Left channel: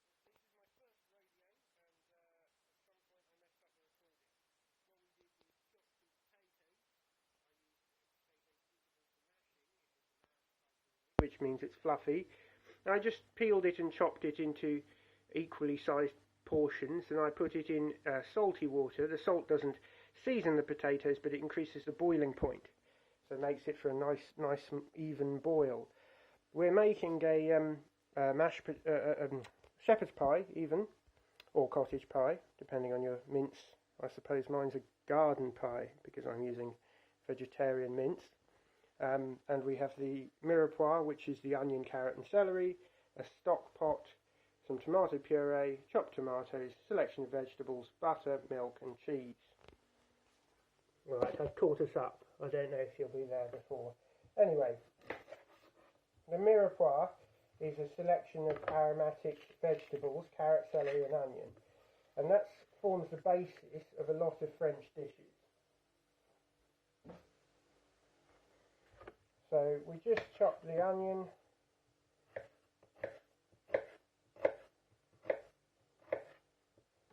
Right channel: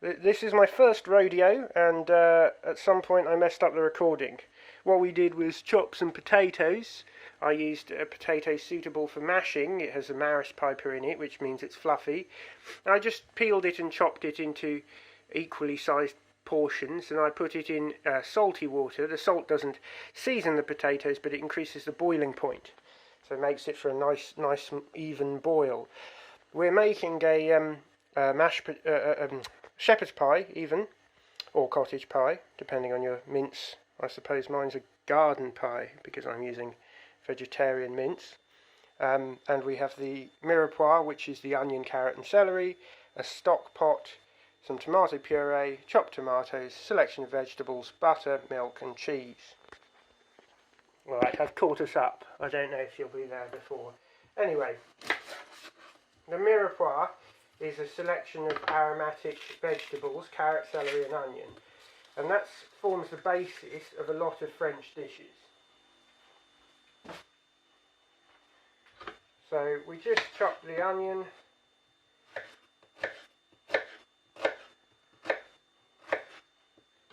This is my first rodeo, and at some point I messed up the recording. What we did was chop some potatoes. I used a potato suitable for mashing. It has a Maris Piper in it, which means it's fluffy. I just peeled it and chopped it into equally sized portions, and I put it in salty water. The salt doesn't season the potatoes, but it increases the boiling point, so it makes it for a nice even boil. We're making a shepherd's pie, even, or cottage pie, depending on your mince. I suppose mine's a garden pie because I'm using vegetarian mince. And we have the mirepoix, which is the onion, carrot, and celery, a stock pot, some tomato puree, chopped tomatoes, selection of vegetables, butter, milk, and cheese. Right, I've caught us up. I don't know if you'll be there before. Anyway, the mirepoix is a selection of aromatic vegetables, carrot, celery, and onion, and that forms the basis of a lot of French dishes. So we just chop the onion.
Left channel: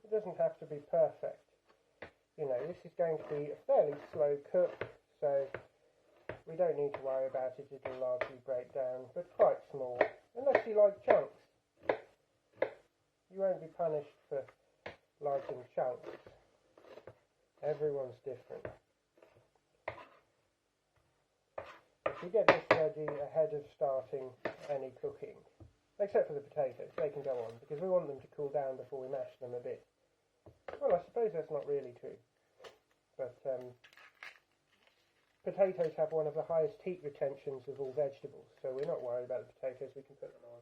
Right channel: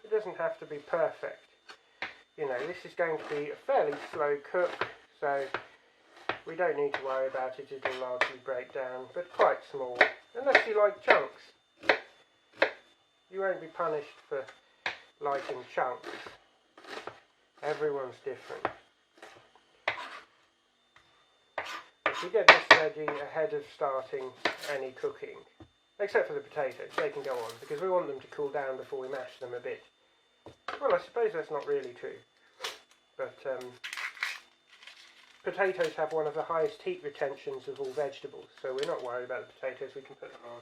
It doesn't have to be perfect. You know, this is going to be a fairly slow cook, so we don't need to worry about it. It'll largely break down, but quite small. Unless you like chunks. You won't be punished for liking chunks. Everyone's different. If you get this ready ahead of starting any cooking, except for the potatoes, they can go on, because we want them to cool down before we mash them a bit. Well, I suppose that's not really true, but potatoes have one of the highest heat retentions of all vegetables, so we're not worried about the potatoes, we can put them on.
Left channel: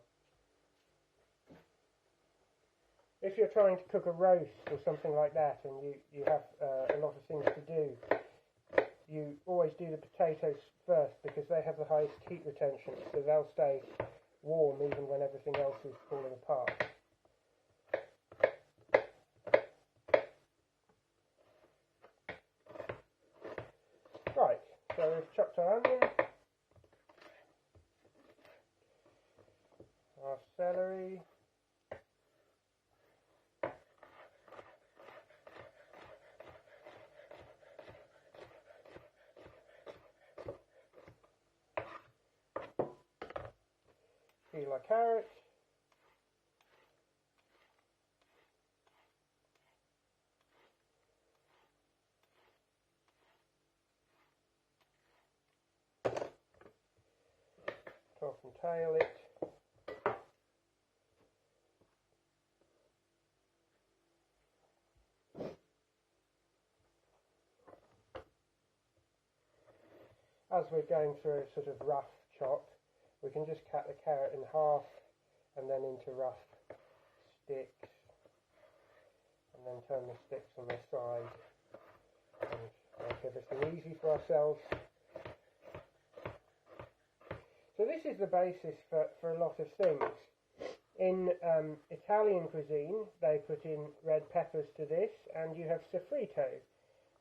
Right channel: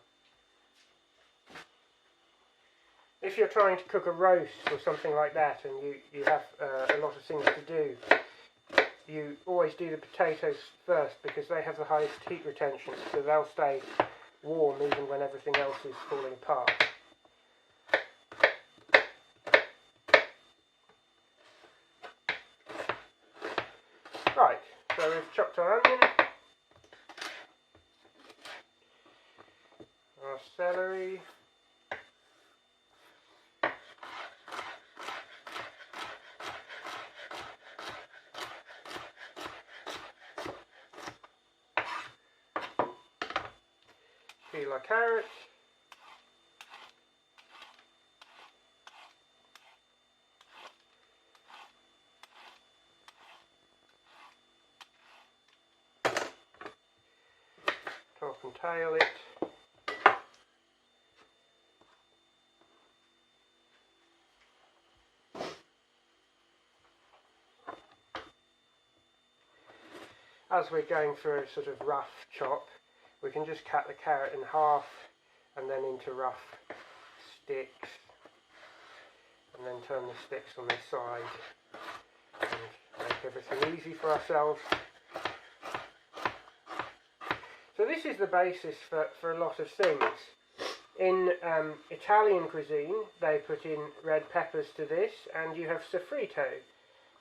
If you're trying to cook a roast or something like that, and you have a lot of things to do, you always do the potatoes first because they have the highest heat retention, so they'll stay warm even when everything else is falling apart. Right, so we've chopped our onion, our celery, peel our carrot, top and tail it, as we're going through a sort of rough chop, we can just cut the carrot in half and then into rough sticks, and then turn the sticks on this side and make everything easy for ourselves. So this is the basis for a lot of things. In Italian cuisine, they put in red peppers to this, and you have sofrito.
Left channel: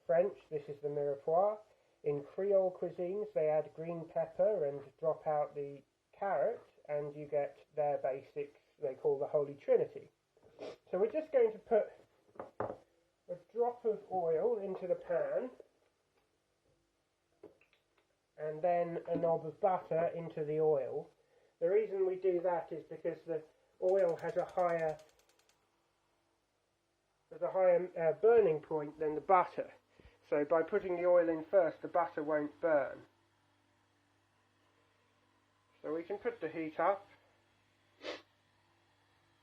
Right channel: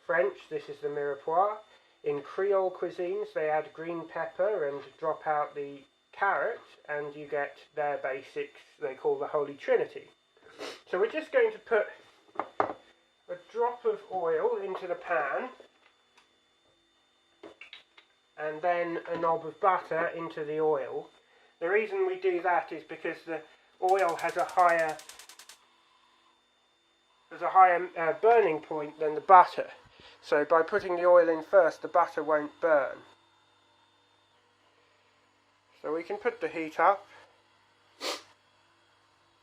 French, this is the mirepoix. In Creole cuisines, they add green pepper and drop out the carrot, and you get their basics they call the Holy Trinity. So we're just going to put a drop of oil into the pan, and then a knob of butter into the oil. The reason we do that is because the oil has a higher burning point than the butter. So by putting the oil in first, the butter won't burn. So we can put the heat up.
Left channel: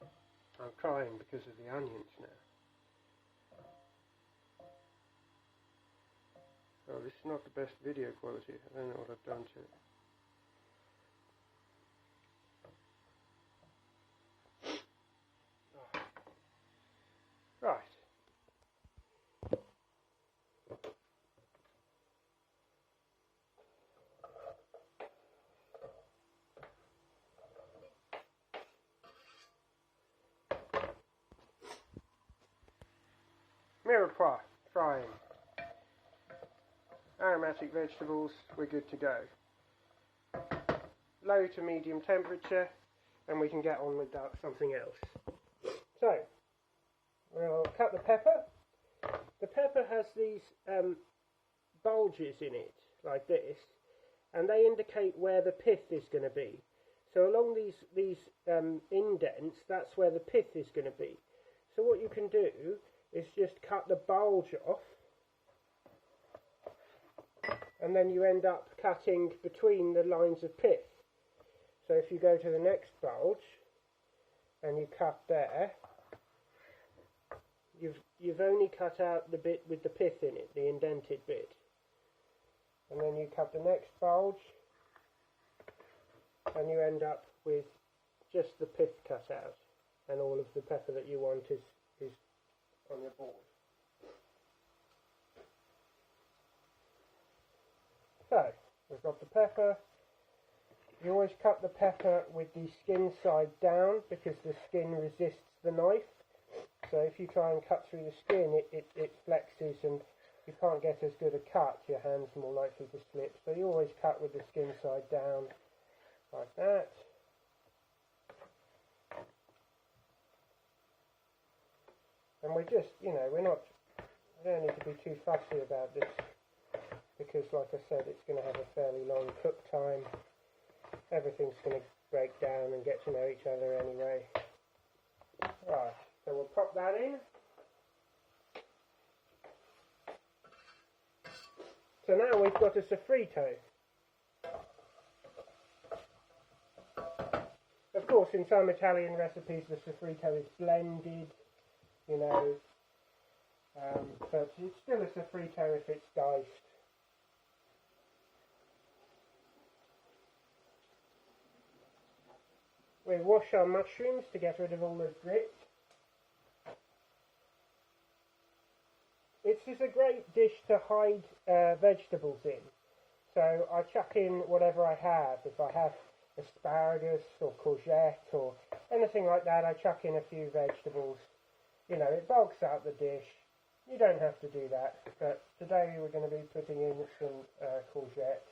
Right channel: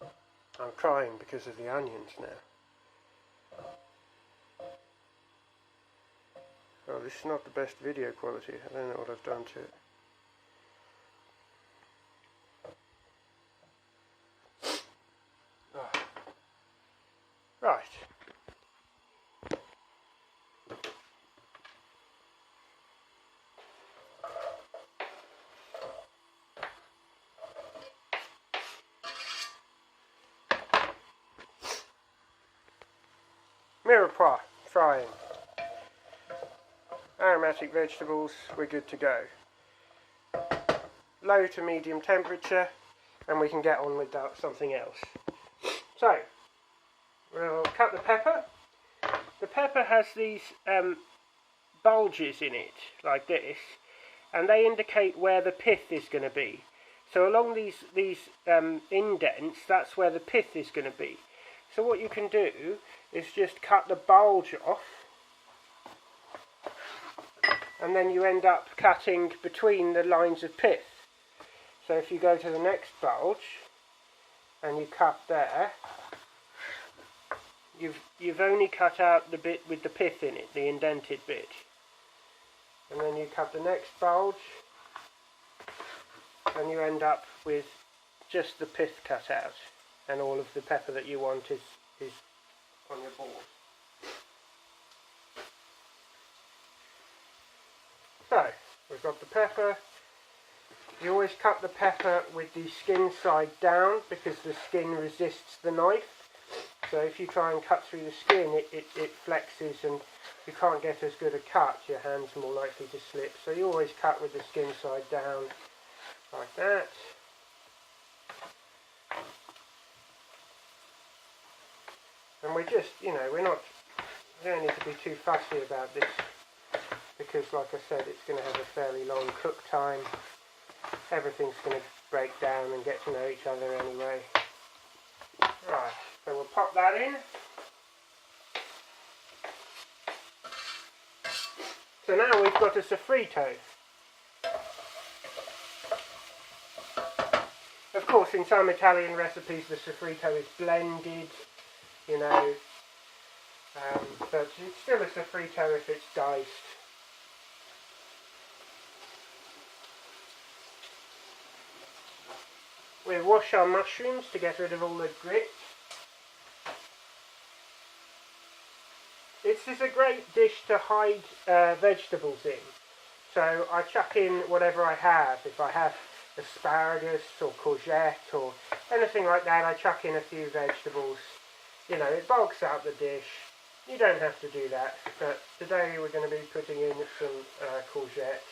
I'm crying because of the onions now. Oh, this is not the best video quality. I don't know what I've done to it. Oh. Right. Mirepoix, frying. Aromatic vegetables, we're good to go. Low to medium temperature, and we can get on with something else. So, we'll cut the pepper. The pepper has these bulges in it, like this, and they indicate where the pith is going to be. So along these indents, that's where the pith is going to be. So what you can do is just cut the bulge off, and then you end up cutting between the lines of pith. So if you go to the next bulge and you cut there, you've only cut out the bit with the pith in it, the indented bit. And then you cut the next bulge and you end up with just the pith cut out, and all of the pepper that you want is on your board. So, we've got the pepper. You always cut the pepper with the skin side down because the skin resists the knife. So if you try and cut through the skin, it flexes and you can't get as good a cut. Your hand's more likely to slip. So you always cut with the skin side down, like that. And we just, we don't need to be too fussy about this, because like I said, it's going to have a fairly long cook time. Everything's going to break down and get to know each other anyway. Right, so we'll pop that in. So now we've got a sofrito. Of course, in some Italian recipes the sofrito is blended, but it's still a sofrito if it's diced. We wash our mushrooms to get rid of all the grit. This is a great dish to hide vegetables in. So I chuck in whatever I have. If I have asparagus or courgette or anything like that, I chuck in a few vegetables. It bulks out the dish. You don't have to do that, but today we're going to be putting in some courgette.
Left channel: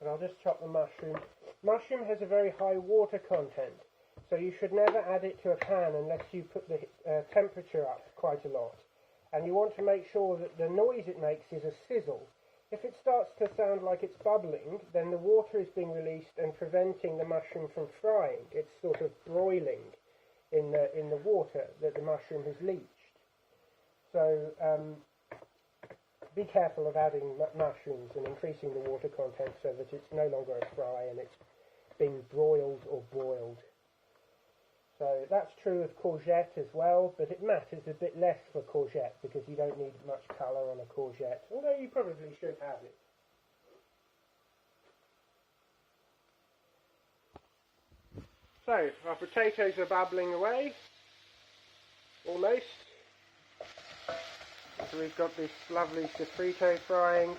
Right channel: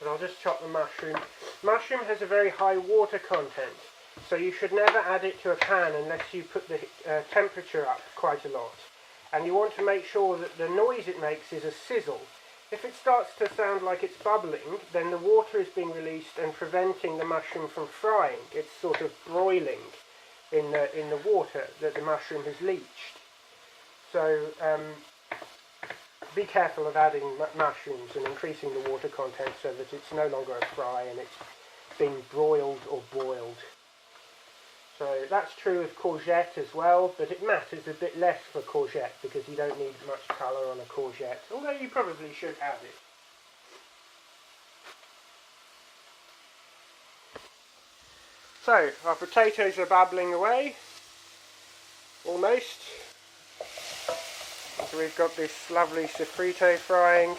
And I'll just chop the mushroom. Mushroom has a very high water content, so you should never add it to a pan unless you put the temperature up quite a lot. And you want to make sure that the noise it makes is a sizzle. If it starts to sound like it's bubbling, then the water is being released and preventing the mushroom from frying. It's sort of broiling in the water that the mushroom has leached. So be careful of adding mushrooms and increasing the water content so that it's no longer a fry and it's being broiled or boiled. So that's true of courgette as well, but it matters a bit less for courgette because you don't need much colour on a courgette, although you probably should have it. So, our potatoes are bubbling away, almost. So we've got this lovely sofrito frying.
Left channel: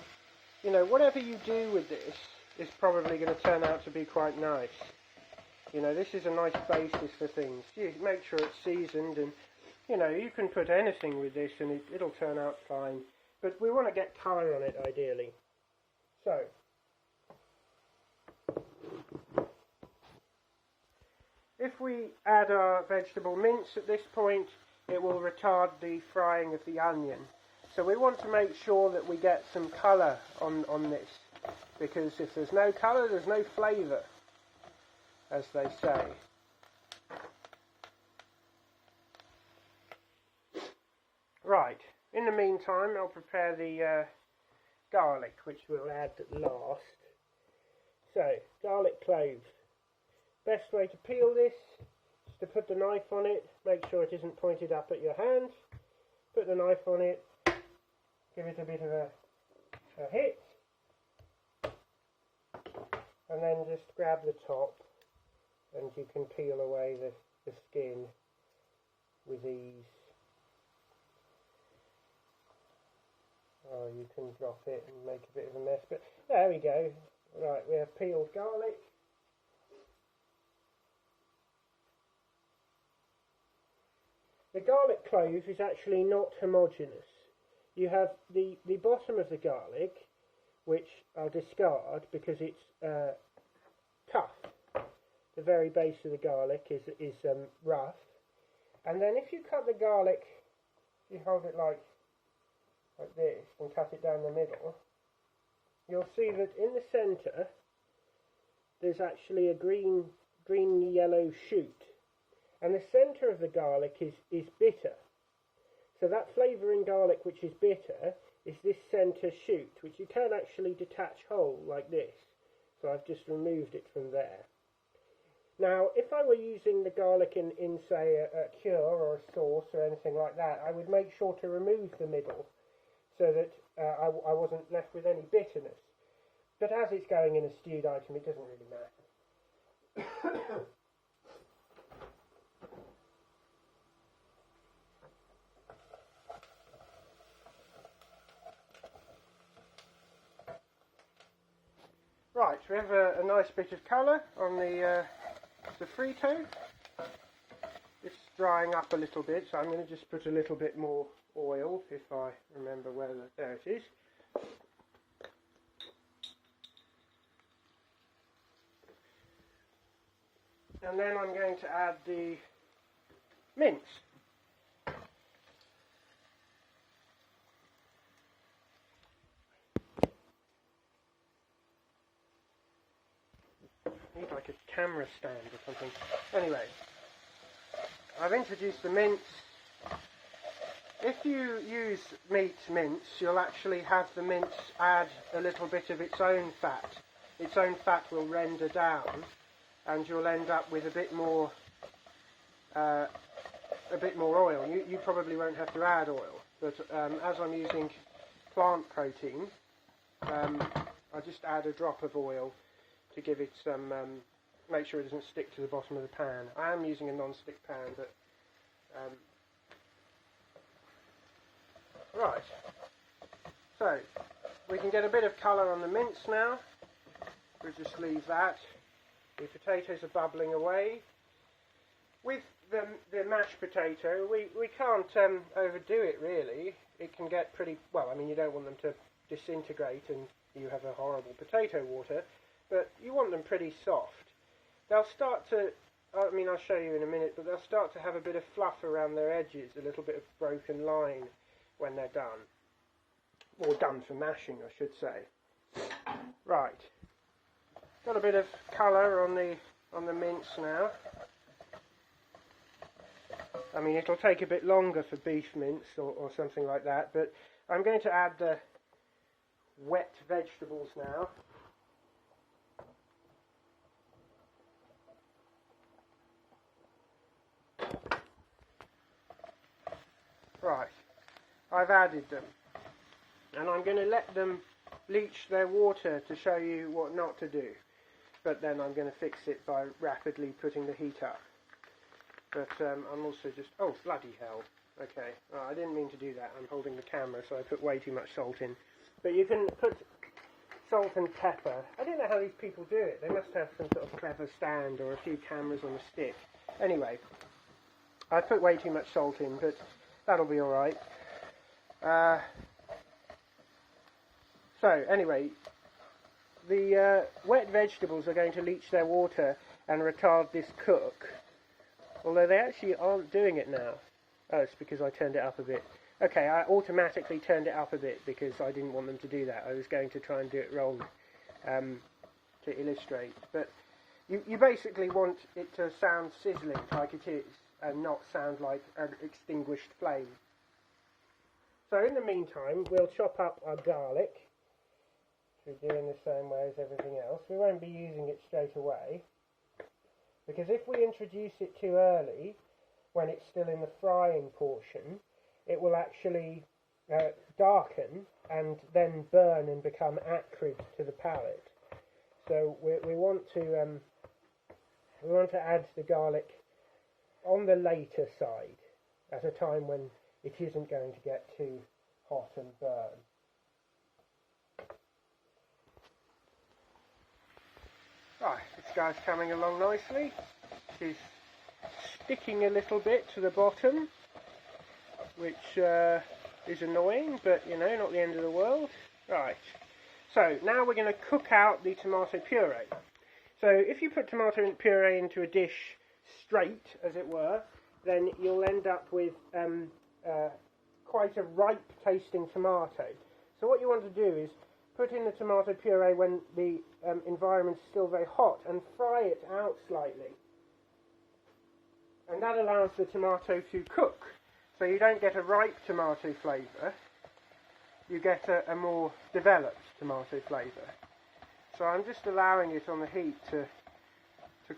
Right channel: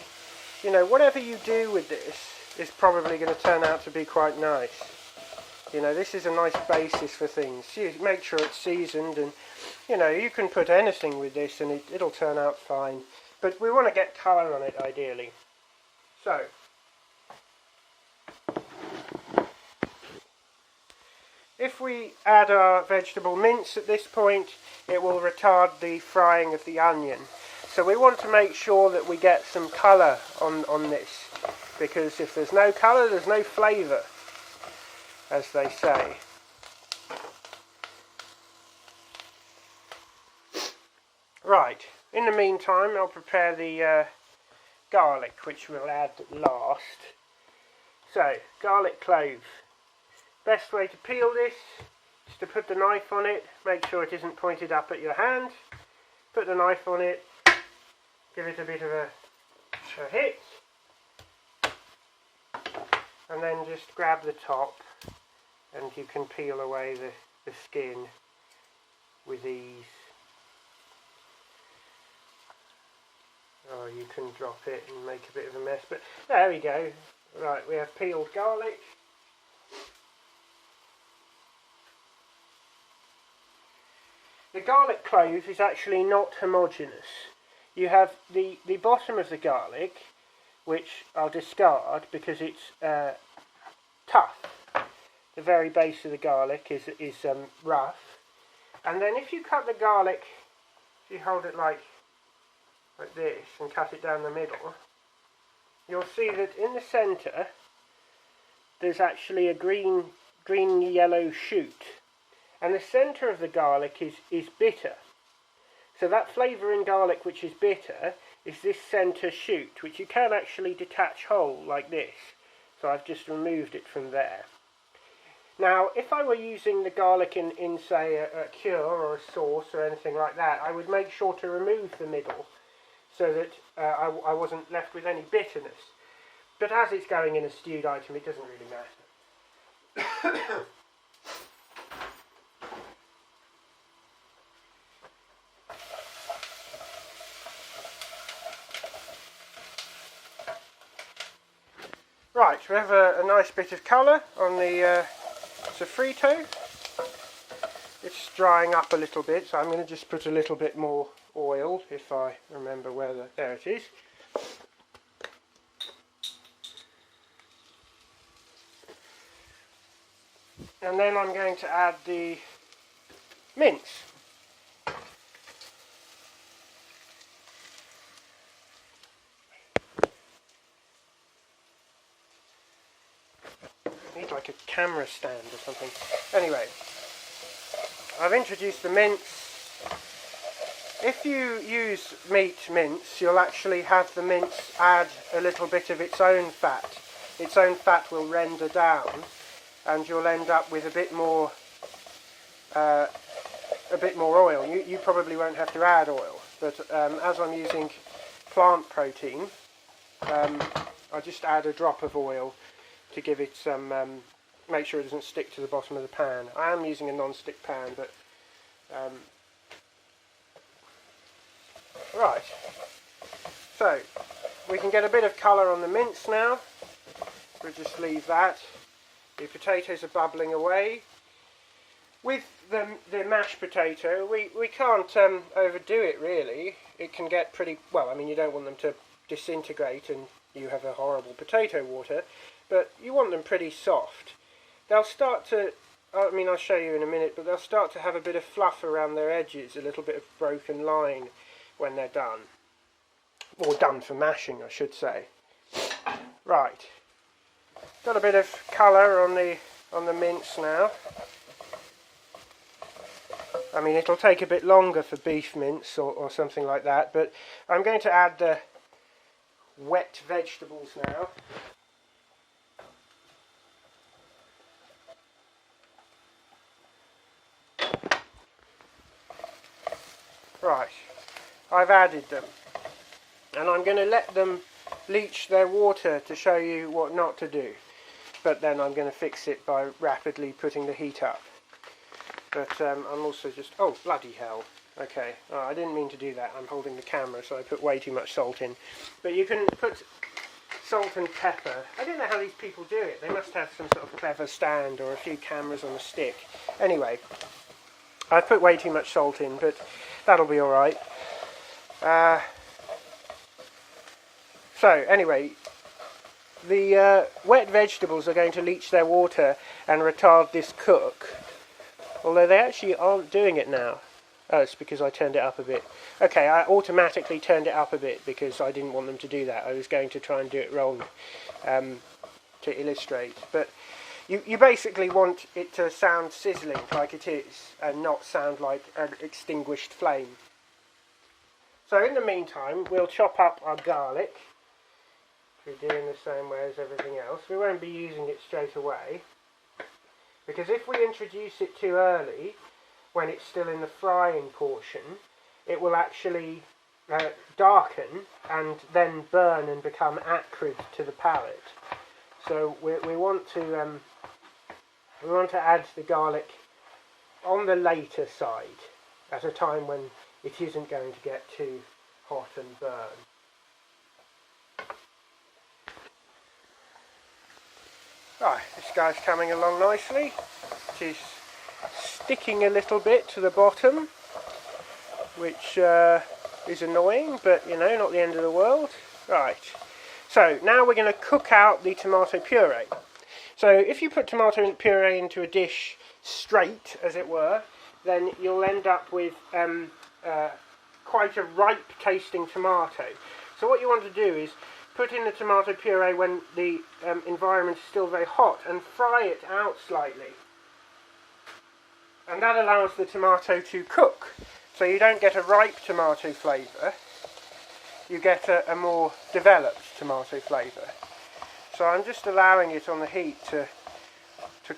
Whatever you do with this is probably going to turn out to be quite nice. This is a nice basis for things. You make sure it's seasoned, and you can put anything with this and it'll turn out fine. But we want to get colour on it ideally. So, if we add our vegetable mince at this point, it will retard the frying of the onion. So we want to make sure that we get some colour on this, because if there's no colour, there's no flavour, as they say. Right, in the meantime I'll prepare the garlic, which we'll add last. So, garlic clove. Best way to peel this is to put the knife on it, make sure it isn't pointed up at your hand, put the knife on it, give it a bit of a hit, and then just grab the top and you can peel away the skin with ease. Or you can drop it and make a bit of a mess, but there we go. Right, we have peeled garlic. The garlic clove is actually not homogeneous. You have the bottom of the garlic, which I'll discard because it's tough. the very base of the garlic is rough. And then if you cut the garlic, if you hold it like this and cut it down the middle, you'll see that in the centre there's actually a green yellow shoot, and the centre of the garlic is bitter. So that flavour in garlic which is bitter is this centre shoot, which you can actually detach whole like this. So I've just removed it from there. Now, if I were using the garlic in say, a cure or a sauce or anything like that, I would make sure to remove the middle so that I wasn't left with any bitterness. But as it's going in a stewed item, it doesn't really matter. Right, we have a nice bit of colour on the sofrito. It's drying up a little bit, so I'm going to just put a little bit more oil, if I remember where there it is. And then I'm going to add the mince. I need like a camera stand or something. Anyway, I've introduced the mince. If you use meat mince, you'll actually have the mince add a little bit of its own fat. Its own fat will render down, and you'll end up with a bit more oil. You probably won't have to add oil, but as I'm using plant protein, I just add a drop of oil to give it some, make sure it doesn't stick to the bottom of the pan. I am using a non-stick pan, but right. So we can get a bit of colour on the mince now. We'll just leave that. The potatoes are bubbling away. With the mashed potato, we can't overdo it really. It can get pretty, well, I mean, you don't want them to disintegrate and you have a horrible potato water, but you want them pretty soft. They'll start to, I mean, I'll show you in a minute, but they'll start to have a bit of fluff around their edges, a little bit of broken line when they're done. Or done for mashing, I should say. Right. Got a bit of colour on the mince now. I mean, it'll take a bit longer for beef mince or something like that, but I'm going to add the wet vegetables now. Right, I've added them, and I'm going to let them leach their water to show you what not to do, but then I'm going to fix it by rapidly putting the heat up. But I'm also just, oh bloody hell, okay, I didn't mean to do that. I'm holding the camera, so I put way too much salt in. But you can put salt and pepper. I don't know how these people do it. They must have some sort of clever stand or a few cameras on a stick. Anyway, I've put way too much salt in, but that'll be alright. So anyway, the wet vegetables are going to leach their water and retard this cook. Although they actually aren't doing it now. Oh, it's because I turned it up a bit. Okay, I automatically turned it up a bit because I didn't want them to do that. I was going to try and do it wrong to illustrate. But you basically want it to sound sizzling like it is and not sound like an extinguished flame. So in the meantime, we'll chop up our garlic. We're doing the same way as everything else. We won't be using it straight away, because if we introduce it too early, when it's still in the frying portion, it will actually darken and then burn and become acrid to the palate. So we want to add the garlic on the later side, at a time when it isn't going to get too hot and burn. Right, this guy's coming along nicely. It is sticking a little bit to the bottom, which is annoying, but you know, not the end of the world. Right, so now we're going to cook out the tomato puree. So if you put tomato puree into a dish straight, as it were, then you'll end up with quite a ripe tasting tomato. So what you want to do is put in the tomato puree when the environment is still very hot and fry it out slightly. And that allows the tomato to cook. So you don't get a ripe tomato flavour, you get a more developed tomato flavour. So I'm just allowing it on the heat to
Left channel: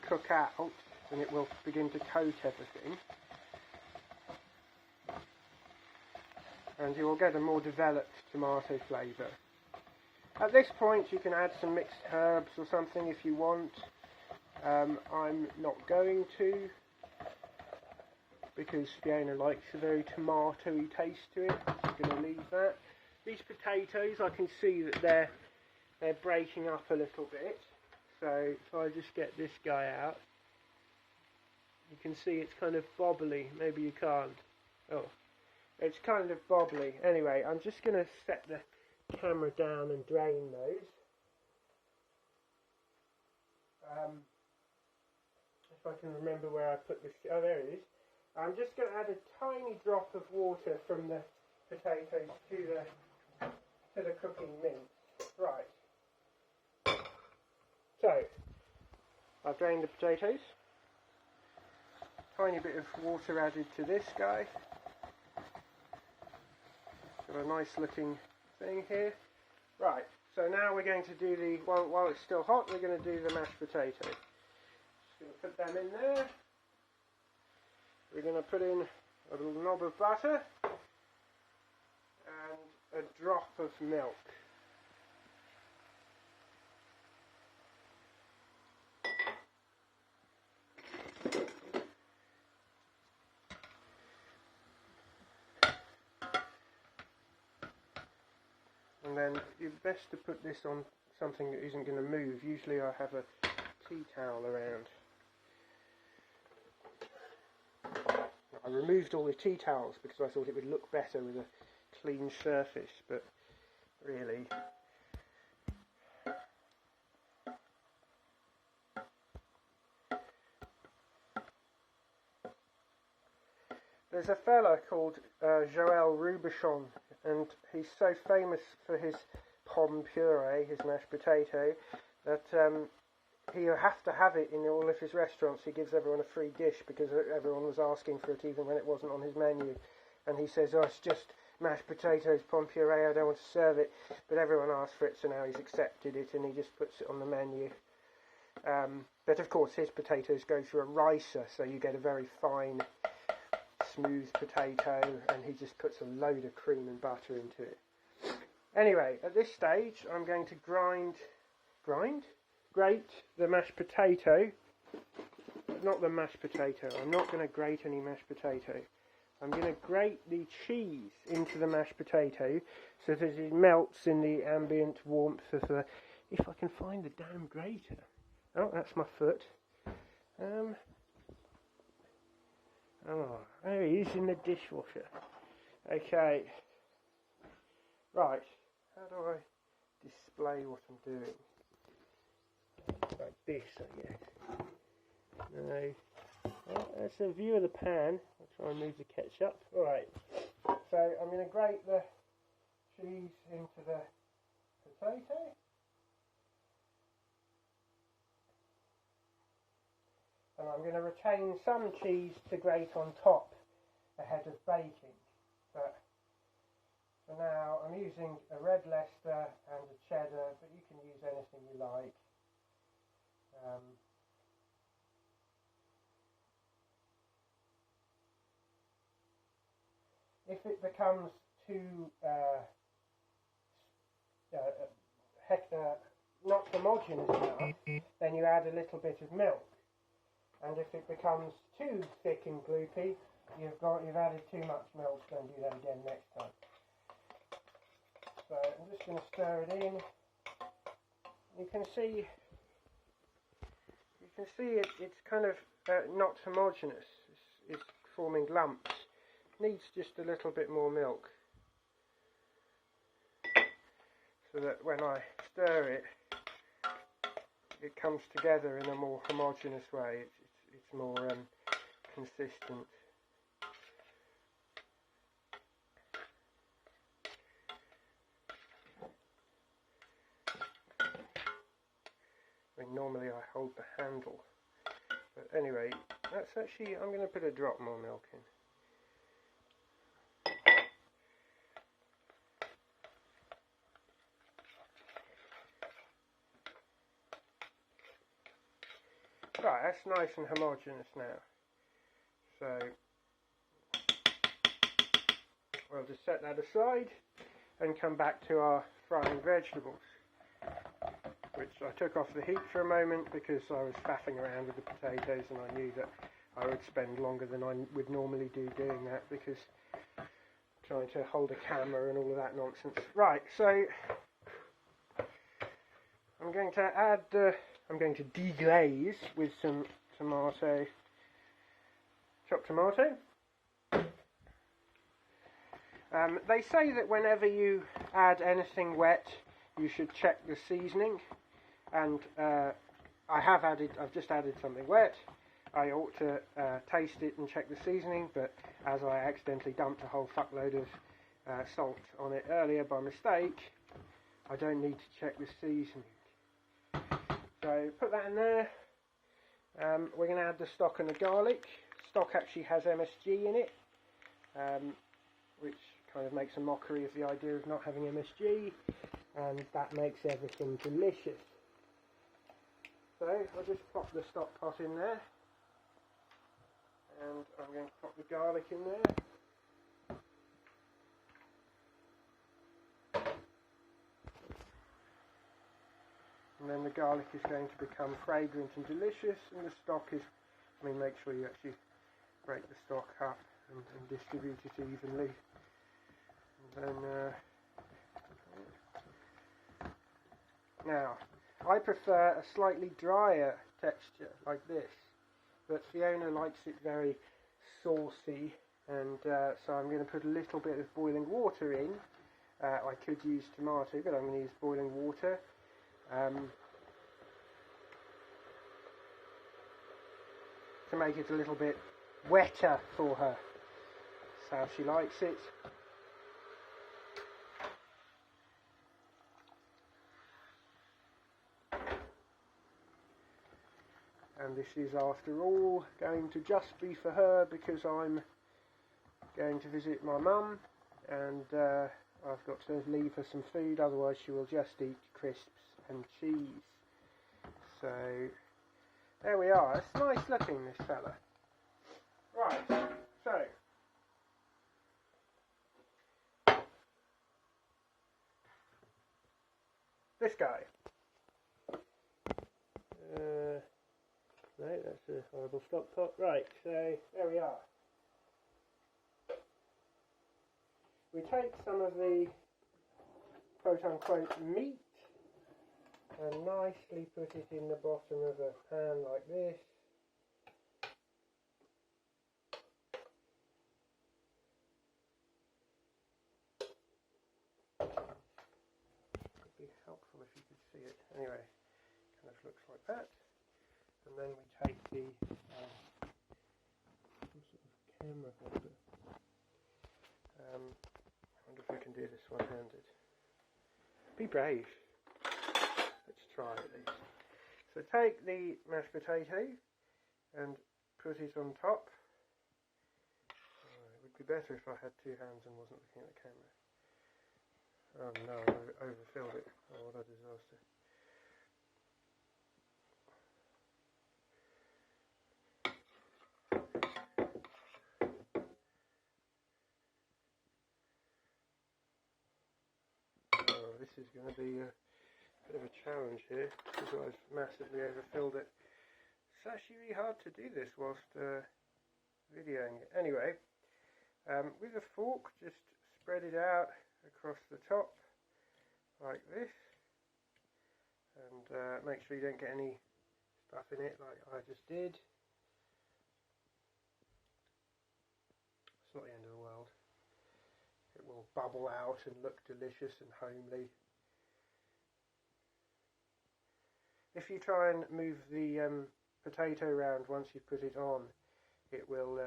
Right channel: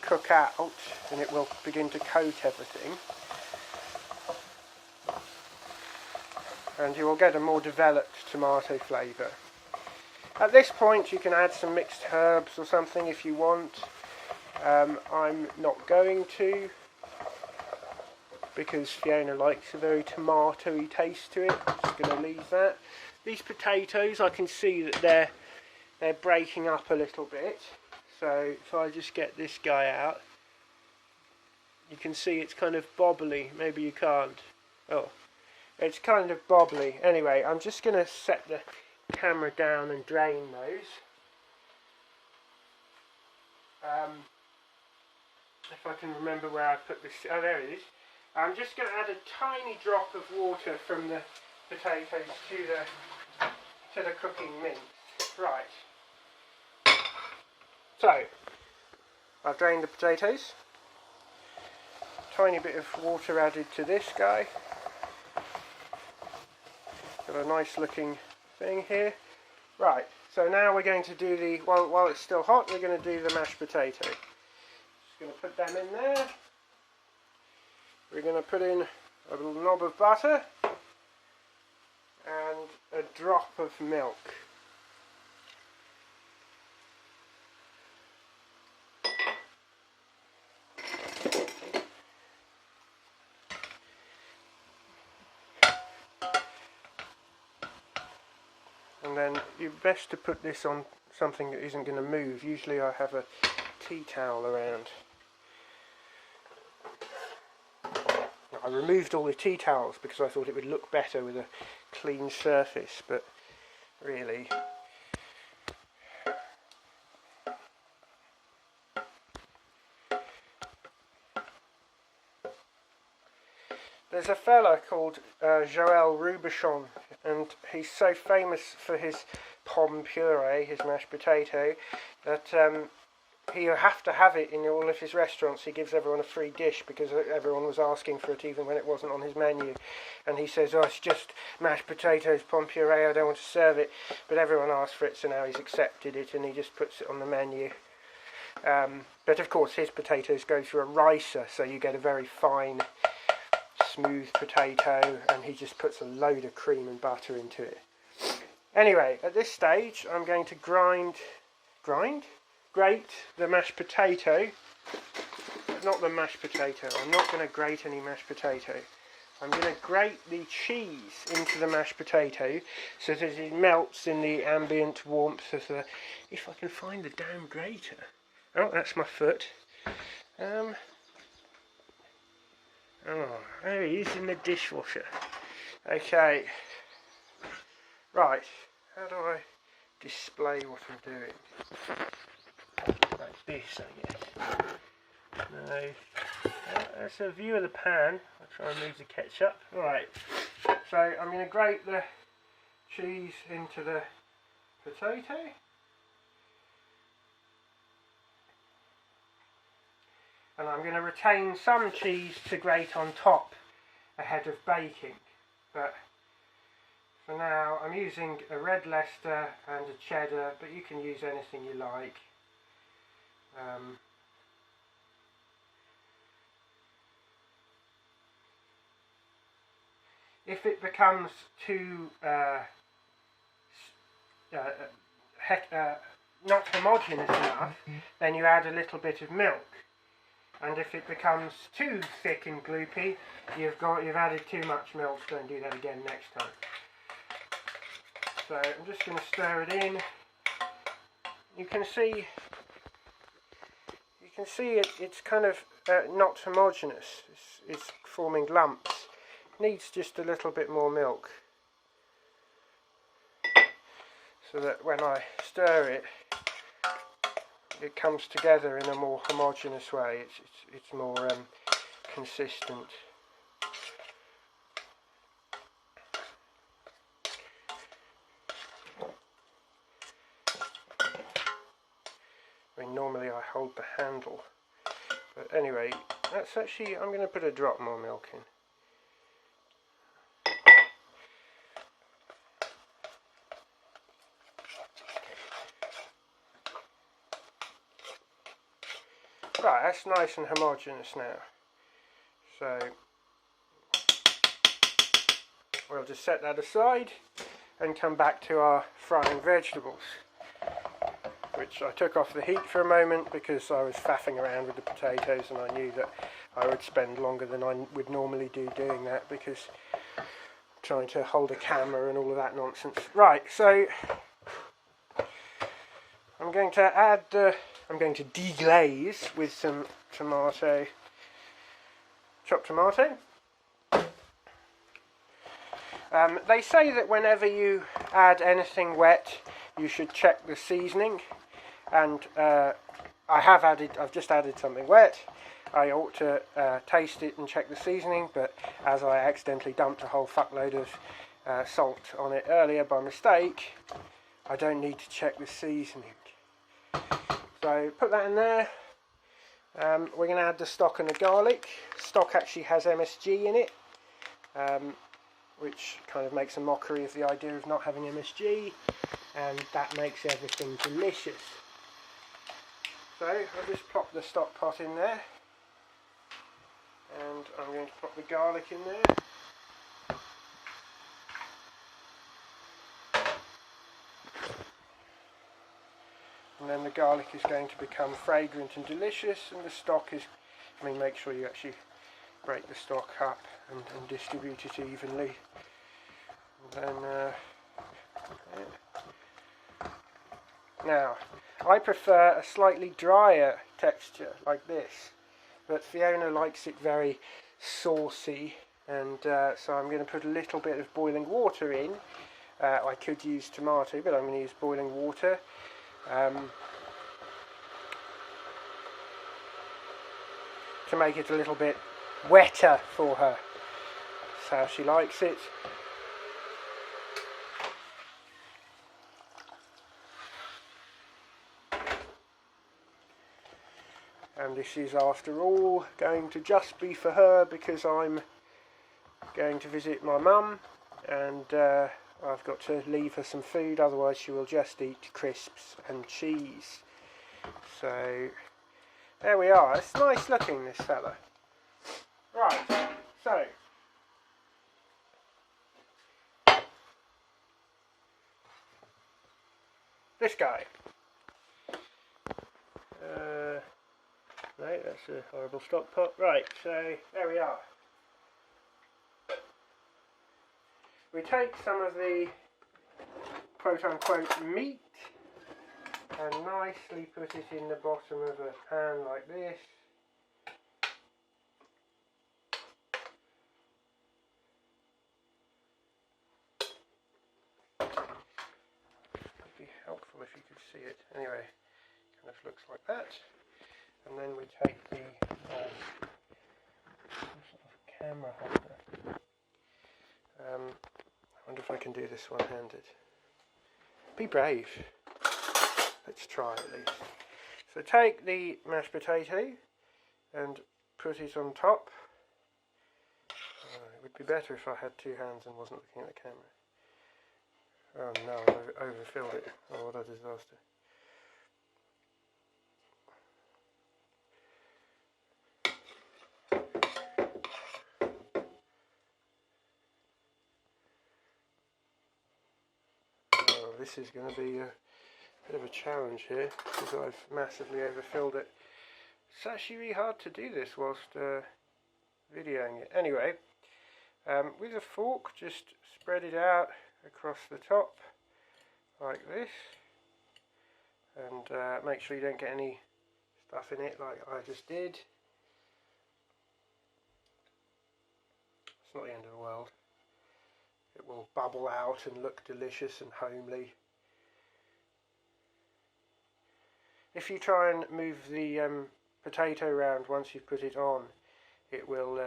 cook out, and it will begin to coat everything. And you will get a more developed tomato flavour. At this point you can add some mixed herbs or something if you want. I'm not going to, because Fiona likes a very tomatoey taste to it. I'm just going to leave that. These potatoes, I can see that they're breaking up a little bit. So if I just get this guy out, you can see it's kind of bobbly. Maybe you can't. Oh, it's kind of bobbly. Anyway, I'm just going to set the camera down and drain those. If I can remember where I put this. Oh, there it is. I'm just going to add a tiny drop of water from the potatoes to the cooking mince. Right. So, I've drained the potatoes. Tiny bit of water added to this guy. Got a nice looking thing here. Right, so now we're going to do the, while it's still hot, we're going to do the mashed potato. Just going to put them in there. We're going to put in a little knob of butter and a drop of milk. And then you're best to put this on something that isn't going to move. Usually I have a tea towel around. I removed all the tea towels because I thought it would look better with a clean surface, but really there's a fella called Joël Robuchon, and he's so famous for his pomme puree, his mashed potato, that you have to have it in all of his restaurants. He gives everyone a free dish because everyone was asking for it even when it wasn't on his menu. And he says, oh, it's just mashed potatoes, pomme puree, I don't want to serve it. But everyone asked for it, so now he's accepted it and he just puts it on the menu. But of course his potatoes go through a ricer, so you get a very fine, smooth potato, and he just puts a load of cream and butter into it. Anyway, at this stage I'm going to grate the mashed potato, but not the mashed potato. I'm not going to grate any mashed potato. I'm going to grate the cheese into the mashed potato so that it melts in the ambient warmth of the... If I can find the damn grater. Oh, that's my foot. Oh, there he is in the dishwasher. Okay. Right. How do I display what I'm doing? Like this, I guess. No. That's a view of the pan. I'll try and move the ketchup. Right. So I'm going to grate the cheese into the potato. And I'm going to retain some cheese to grate on top ahead of baking. But for now I'm using a red Leicester and a cheddar, but you can use anything you like. If it becomes too not homogeneous enough, then you add a little bit of milk. And if it becomes too thick and gloopy, you've added too much milk. Don't do that again next time. So I'm just going to stir it in. You can see it's kind of not homogeneous. It's forming lumps. Needs just a little bit more milk, so that when I stir it, it comes together in a more homogeneous way. It's more consistent. I mean, normally I hold the handle, but anyway, that's actually, I'm going to put a drop more milk in. Right, that's nice and homogeneous now. So we'll just set that aside and come back to our frying vegetables, which I took off the heat for a moment because I was faffing around with the potatoes, and I knew that I would spend longer than I would normally do doing that because trying to hold a camera and all of that nonsense. Right, so I'm going to add, I'm going to deglaze with some tomato, chopped tomato. They say that whenever you add anything wet, you should check the seasoning, and I've just added something wet. I ought to taste it and check the seasoning, but as I accidentally dumped a whole fuckload of salt on it earlier by mistake, I don't need to check the seasoning. So put that in there. We're going to add the stock and the garlic. Stock actually has MSG in it, which kind of makes a mockery of the idea of not having MSG, and that makes everything delicious. So I'll just plop the stock pot in there, and I'm going to pop the garlic in there. And then the garlic is going to become fragrant and delicious, and the stock is, I mean, make sure you actually break the stock up and distribute it evenly. And then, now, I prefer a slightly drier texture like this, but Fiona likes it very saucy, and so I'm going to put a little bit of boiling water in. I could use tomato, but I'm going to use boiling water. To make it a little bit wetter for her. That's how she likes it. And this is, after all, going to just be for her because I'm going to visit my mum, and I've got to leave her some food, otherwise she will just eat crisps and cheese. So there we are. It's nice looking, this fella. Right, so this guy. Right, that's a horrible stock pot. Right, so there we are. We take some of the quote-unquote meat and nicely put it in the bottom of a pan like this. It'd be helpful if you could see it. Anyway, kind of looks like that. And then we take the sort of camera holder. I wonder if I can do this one-handed. Be brave. Let's try at least. So take the mashed potato and put it on top. It would be better if I had two hands and wasn't looking at the camera. Oh no, I overfilled it. Oh, what a disaster. Oh, this is going to be a bit of a challenge here because I've massively overfilled it. It's actually really hard to do this whilst videoing it. Anyway, with a fork, just spread it out across the top like this, and make sure you don't get any stuff in it like I just did. It's not the end of the world. It will bubble out and look delicious and homely. if you try and move the potato around once you've put it on, it will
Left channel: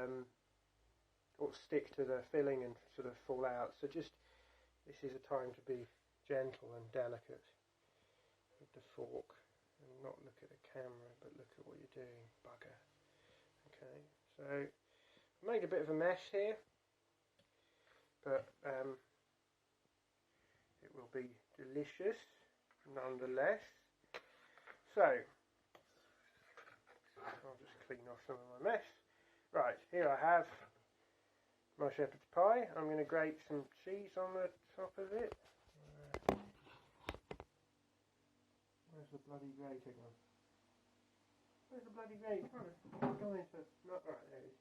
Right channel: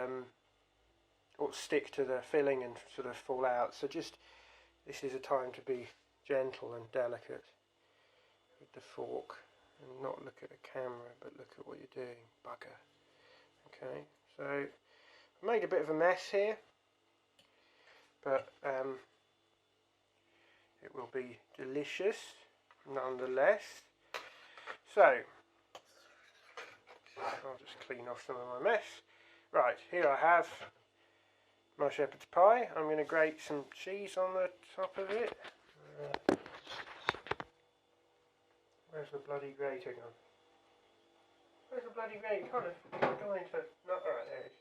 stick to the filling and sort of fall out. So just, this is a time to be gentle and delicate with the fork and not look at the camera but look at what you're doing, bugger. Okay, so I made a bit of a mess here, but it will be delicious nonetheless. So I'll just clean off some of my mess. Right, here I have my shepherd's pie. I'm going to grate some cheese on the top of it. Where's the bloody grater gone? Where's the bloody grater? Kind of going into... Not alright, there it is.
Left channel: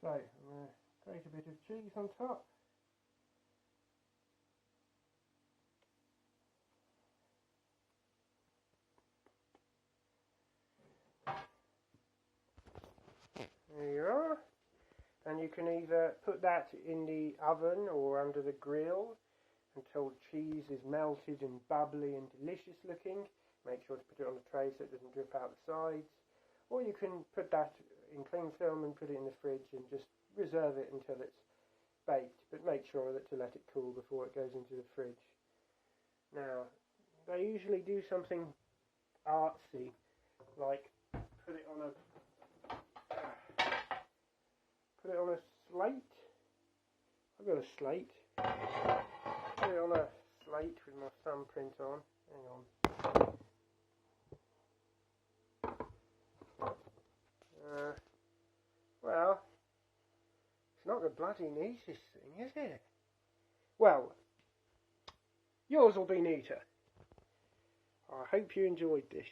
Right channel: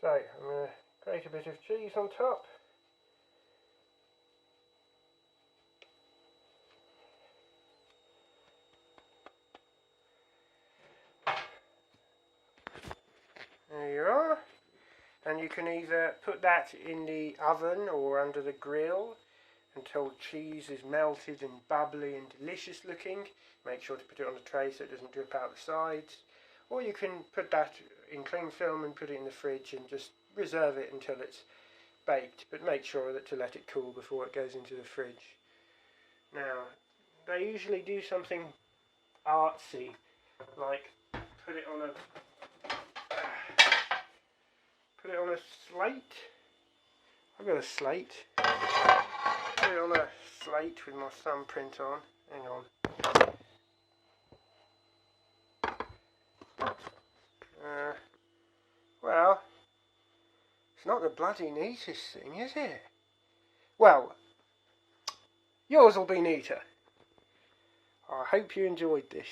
So, I'm going to grate a bit of cheese on top. There you are. And you can either put that in the oven or under the grill until cheese is melted and bubbly and delicious looking. Make sure to put it on a tray so it doesn't drip out the sides. Or you can put that in cling film and put it in the fridge and just reserve it until it's baked. But make sure that to let it cool before it goes into the fridge. Now, they usually do something artsy, like put it on a slate. I've got a slate. Put it on a slate with my thumbprint on. Hang on. Well, it's not the bloody neatest thing, is it? Well, yours will be neater. I hope you enjoyed this.